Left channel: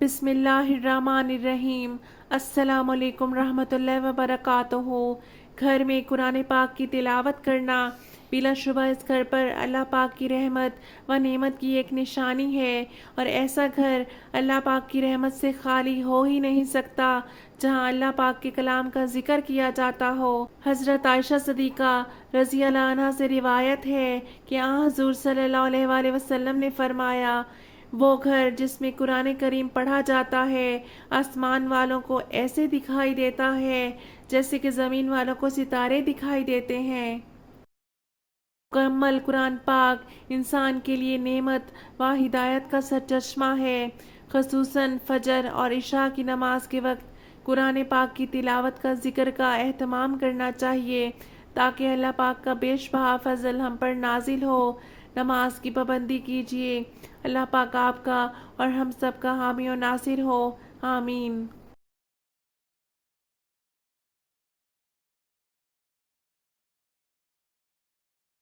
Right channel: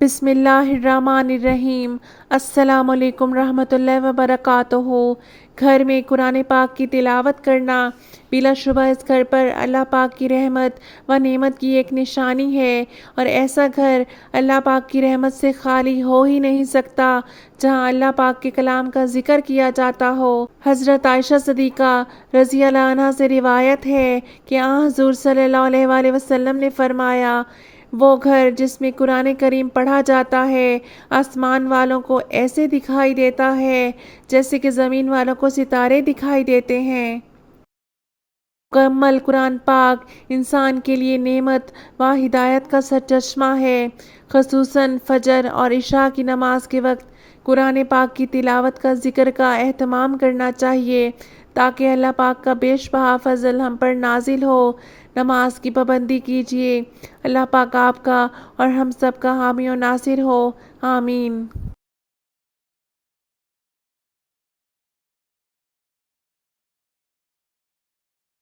بسم اللہ الرحمن الرحیم۔ السلام علیکم رحمۃ اللہ وبرکاتہ۔ گھر میں قرآن پاک کی تلاوت کرنا بلا شبہ اس گھر پر اللہ پاک کی رحمت و نعمت کی ایک نشانی ہے، اور ایسا گھر اللہ پاک کی رحمت سے خالی ہو ہی نہیں سکتا جہاں اللہ پاک کے کلام کا ذکر کیا جاتا ہو۔ حضرت عائشہ صدیقہ رضی اللہ عنہا سے روایت ہے کہ حضور صلی اللہ علیہ وآلہ وسلم نے فرمایا، وہ گھر جس میں قرآن کریم پڑھا جاتا ہے آسمان والوں کو ایسے دکھائی دیتا ہے جیسے کہ زمین والوں کو ستارے دکھائی دیتے ہیں۔ مکمل قرآن پاک انسان کے لیے نعمت و ہدایت کا سرچشمہ ہے۔ خصوصاً فجر اور عشاء کی نماز کے وقت قرآن پاک کی تلاوت کا ذکر کا اہتمام کرنا چاہیے تاکہ اللہ پاک کا بیش بہا فضل ہم پر نازل ہو۔ نماز کی پابندی کیجیے۔ اللہ پاک آپ کا اور ہم سب کا حامی و ناصر ہو، آمین۔